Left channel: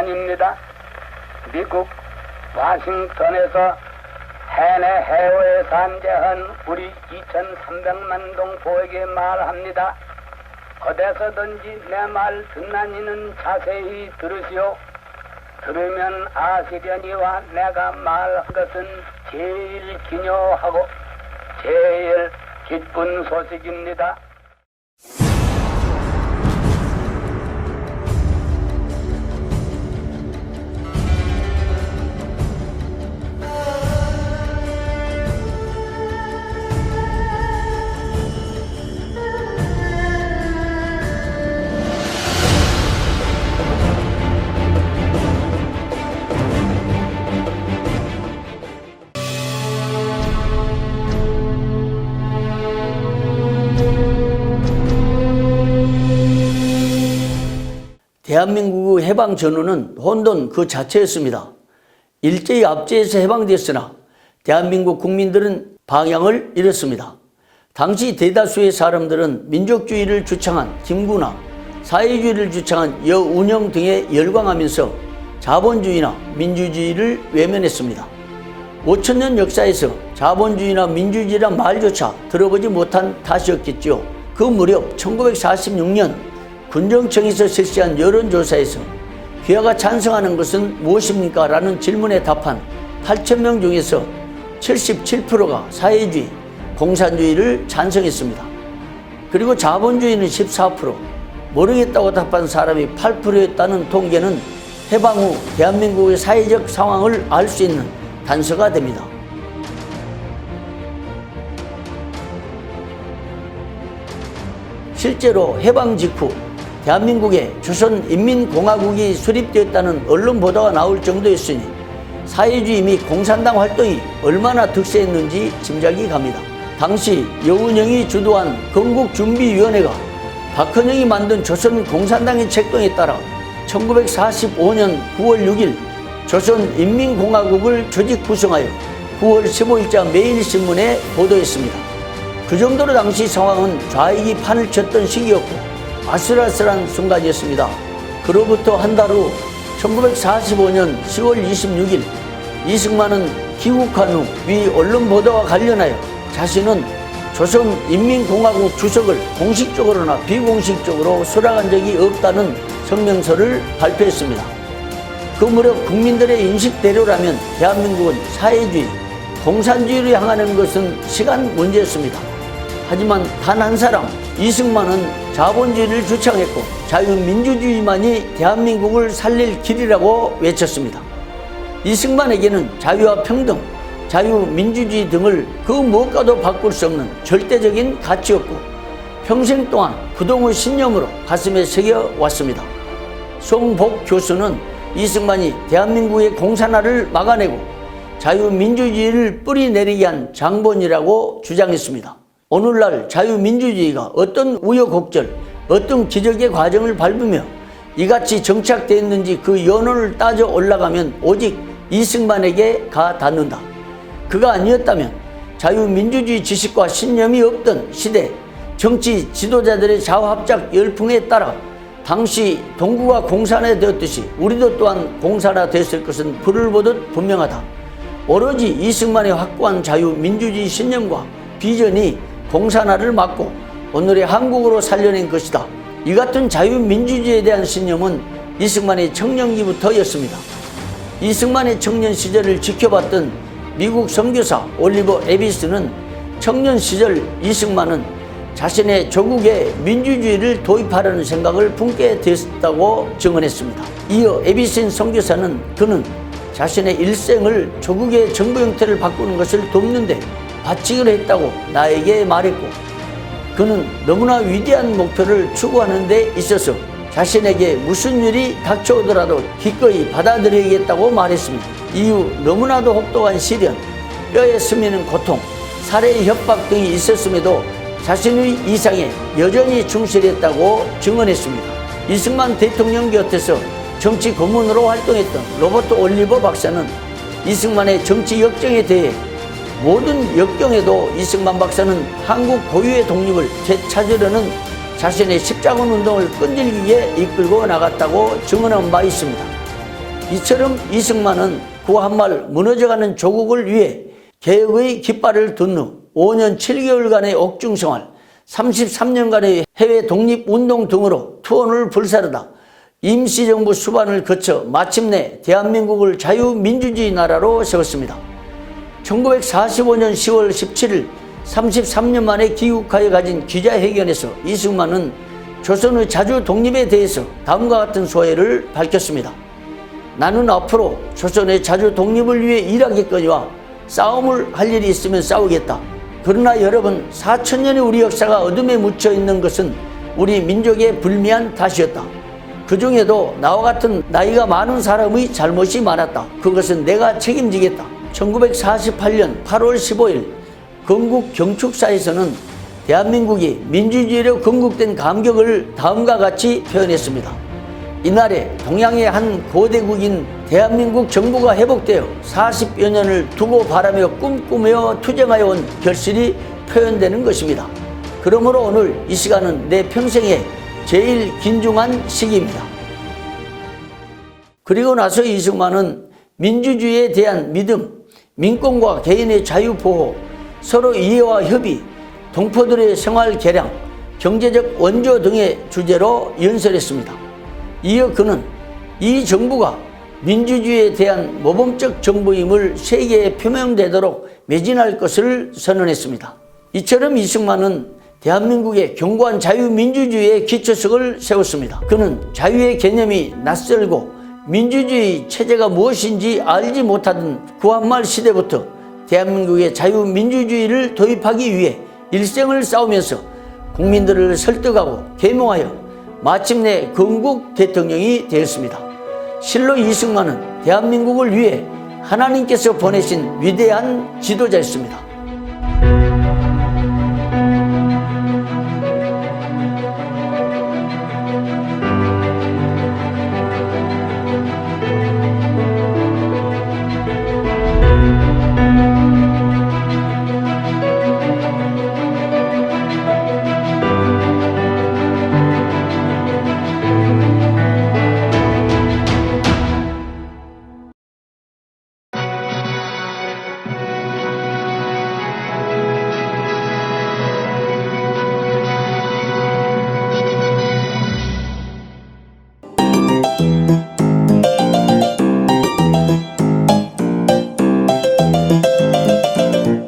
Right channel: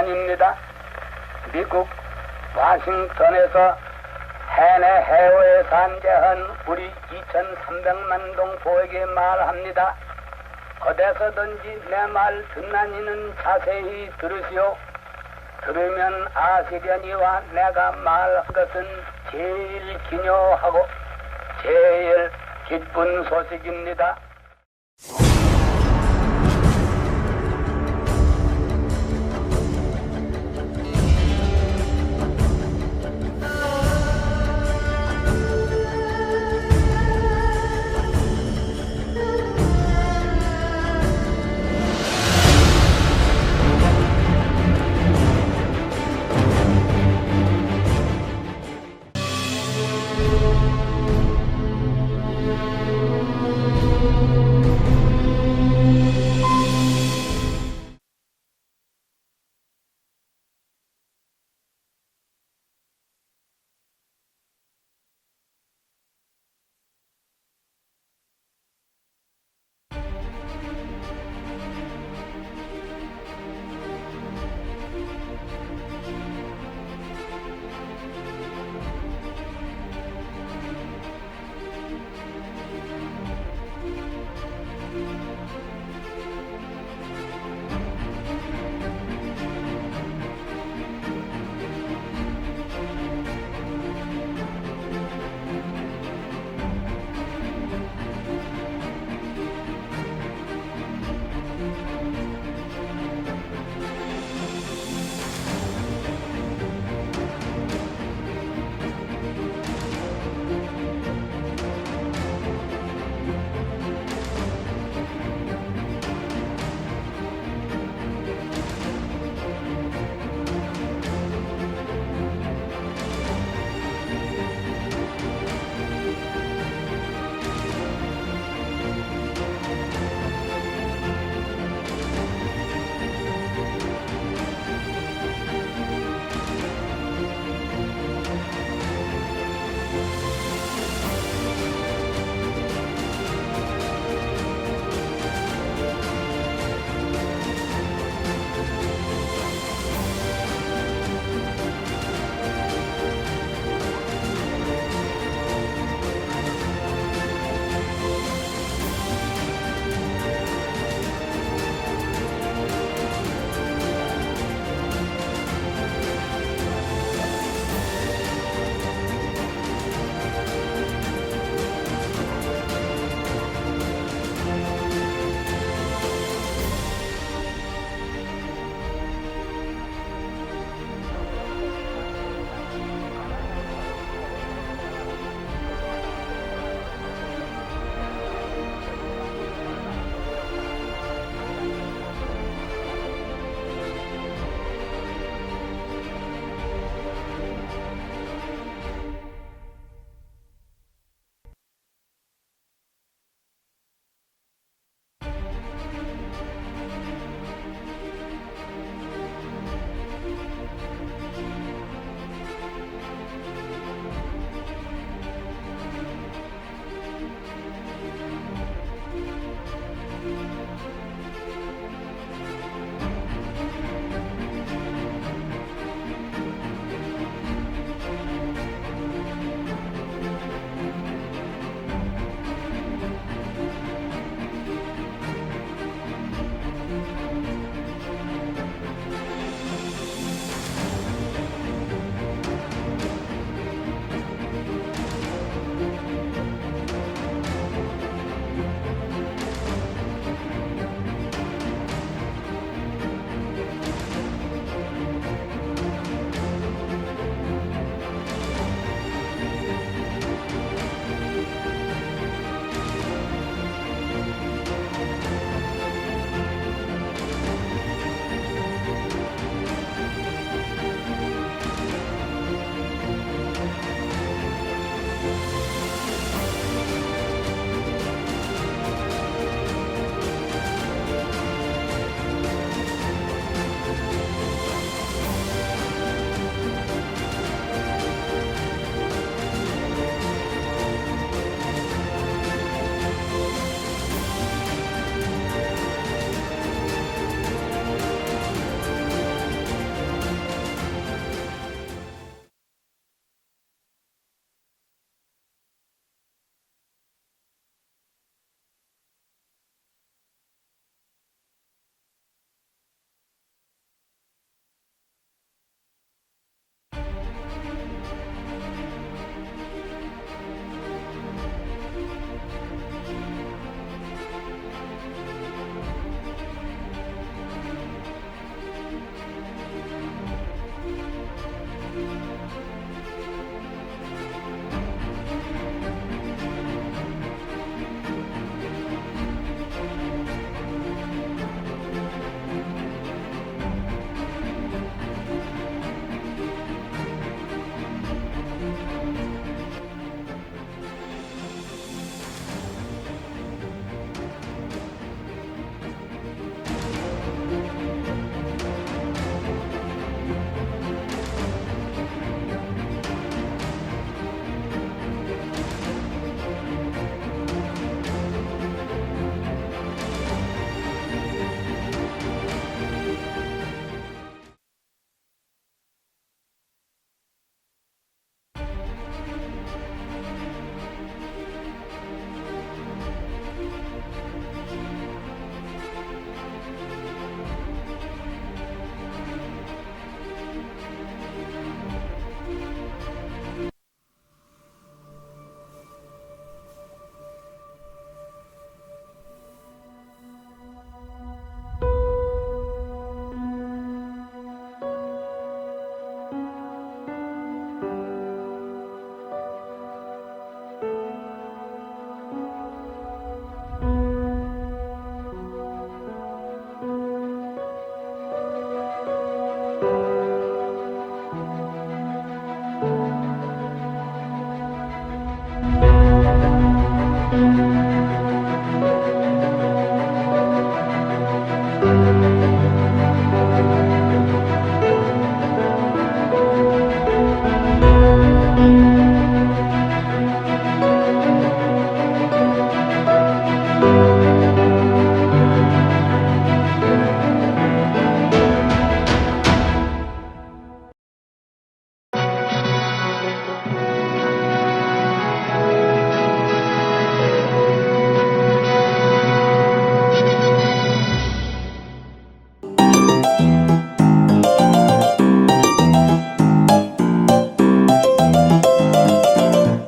증언입니다. 미국 워싱턴에서 해내 해외에 산재한 우리 2,300만 동포에게 말합니다. 어디서든지 내 말 듣는 이는 자세히 들으시오. 들으면 아시려니와 내가 말한 것은 제일 기묘하고 제일 기쁜 소식입니다. 대한민국의 해방 전후는 혼돈 그 자체였습니다. 일제히 압제해서 해방되었으나 대한민국 국민들은 방향을 잃었습니다. 당시 대다수의 사람들은 민족주의를 주창한 김구나 사회주의를 주창한 여운형 등에 열광하면서 자본주의나 민주주의를 외면했습니다. 5천년 역사에서 자본주의나 민주주의란 말조차 들어보지 못한 탓이었겠죠. 그 무렵 1946년 군정청에서 실시한 여론조사에서 귀하가 찬성하는 것은 무엇입니까? 라는 질문에 답한 8,000명 중에서 77%가 사회주의, 공산주의를 찬성했습니다. 그리고 자본주의는 14%, 모르겠다고 답한 사람이 8%였다는 통계는 해방 후 대한민국의 사회적 상황을 알 수 있는 단서가 됩니다. 실제로 해방 직후 대한민국에 조선인민공화국이 수립되었다는 언론 보도가 나올 정도였으니 사회주의 및 공산당 활동이 얼마나 득세했는지 짐작이 갑니다. 당시 여운형이 주도한 건국준비위원회가 박헌영이 만든 조선공산당의 책동에 따라 1945년 9월 6일 조선인민공화국을 조직 구성하여 9월 15일자 매일신문에 보도했습니다. 그 정도로 당시 상황은 좌익이 판을 쳤던 시기였고 아슬아슬한 순간이었습니다. 그로부터 한 달 후 1945년 10월 26일 이승만은 귀국한 후 위 언론 보도와 관련하여 자신은 조선인민공화국 주석을 공식적으로나 비공식적으로 수락한 적이 없다는 성명서를 발표했습니다. 그 무렵 국민들의 인식대로라면 대한민국은 사회주의, 공산주의로 향하는 것은 시간 문제였습니다. 하지만 단 한 사람, 이승만은 자본주의를 주창했고 자유민주주의만이 대한민국을 살릴 길이라고 외쳤습니다. 이승만에게는 자유와 평등, 자유민주주의 등을 그 무엇과도 바꿀 수 없는 절대적인 가치였고 평생 동안 부동의 신념으로 가슴에 새겨왔습니다. 송복 교수는 이승만이 대한민국의 공산화를 막아내고 자유민주주의를 뿌리내리게 한 장본이라고 주장했습니다. 오늘날 자유민주주의가 어떤 우여곡절, 어떤 기적의 과정을 밟으며 이같이 정착되어 있는지 그 연원을 따져 올라가면 오직 이승만에게 가 닿는다. 그가 아니었다면 자유민주주의 지식과 신념이 없던 시대 정치 지도자들의 좌합작 열풍에 따라 당시 동구가 공산화되었듯이 우리도 또한 공산화됐을 것은 불을 보듯 분명하다. 오로지 이승만의 확고한 자유민주주의 신념과 비전이 공산화를 막고 오늘의 한국으로 살려낸 것이다. 이 같은 자유민주주의에 대한 신념은 이승만의 청년기부터였습니다. 이승만의 청년 시절을 지켜봤던 미국 선교사 올리버 에비스는 청년 시절 이승만은 자신의 조국에 민주주의를 도입하려는 생각을 품게 되었다고 증언했습니다. 이어 에비슨 선교사는 그는 자신의 일생을 조국의 정부 형태를 바꾸는 것을 돕는데 바치기로 했다고 나에게 말했고 그는 너무나 위대한 목표를 추구하는 데 있어서 자신에게 무슨 일이 닥쳐오더라도 기꺼이 받아들이겠다고 말했습니다. 이후 너무나도 혹독한 시련, 뼈에 스미는 고통, 살해 협박 등이 있었음에도 자신의 이상에 여전히 충실했다고 증언했습니다. 이승만 대통령 곁에서 정치 고문으로 활동했던 로버트 올리버 박사는 이승만의 정치 역정에 대해 모든 역경에도 이승만 박사는 한국 고유의 독립을 되찾으려는 자신의 십자군 운동을 끈질기게 이끌고 나갔다고 증언한 바 있습니다. 이처럼 이승만은 구한말 무너져가는 조국을 위해 개혁의 깃발을 든 후 5년 7개월간의 옥중생활, 33년간의 해외 독립운동 등으로 투혼을 불사르다 임시정부 수반을 거쳐 마침내 대한민국을 자유민주주의 나라로 세웠습니다. 1945년 10월 17일 33년 만에 귀국하여 가진 기자회견에서 이승만은 조선의 자주 독립에 대해서 다음과 같은 소회를 밝혔습니다. 나는 앞으로 조선의 자주 독립을 위해 일하겠거니와 싸움을 할 일이 있으면 싸우겠다. 그러나 여러분, 4천년의 우리 역사가 어둠에 묻혀 있는 것은 우리 민족의 불미한 탓이었다. 그 중에도 나와 같은 나이가 많은 사람의 잘못이 많았다. 그것은 내가 책임지겠다. 1948년 8월 15일 건국 경축사에서는 대한민국이 민주주의로 건국된 감격을 다음과 같이 표현했습니다. 이날에 동양의 한 고대국인 대한민국 정부가 회복되어 40여 년을 두고 바라며 꿈꾸며 투쟁하여 온 결실이 표현되는 것입니다. 그러므로 오늘 이 시간은 내 평생에 제일 긴중한 시기입니다. 그리고 나서 이승만은 민주주의에 대한 믿음, 민권과 개인의 자유 보호, 서로 이해와 협의, 동포들의 생활 개량, 경제적 원조 등의 주제로 연설했습니다. 이어 그는 이 정부가 민주주의에 대한 모범적 정부임을 세계에 표명되도록 매진할 것을 선언했습니다. 이처럼 이승만은 대한민국의 견고한 자유민주주의의 기초석을 세웠습니다. 그는 자유의 개념이 낯설고 민주주의 체제가 무엇인지 알지 못하던 구한말 시대부터 대한민국의 자유민주주의를 도입하기 위해 일생을 싸우면서 국민들을 설득하고 계몽하여 마침내 건국 대통령이 되었습니다. 실로 이승만은 대한민국을 위해 하나님께서 보내신 위대한 지도자였습니다.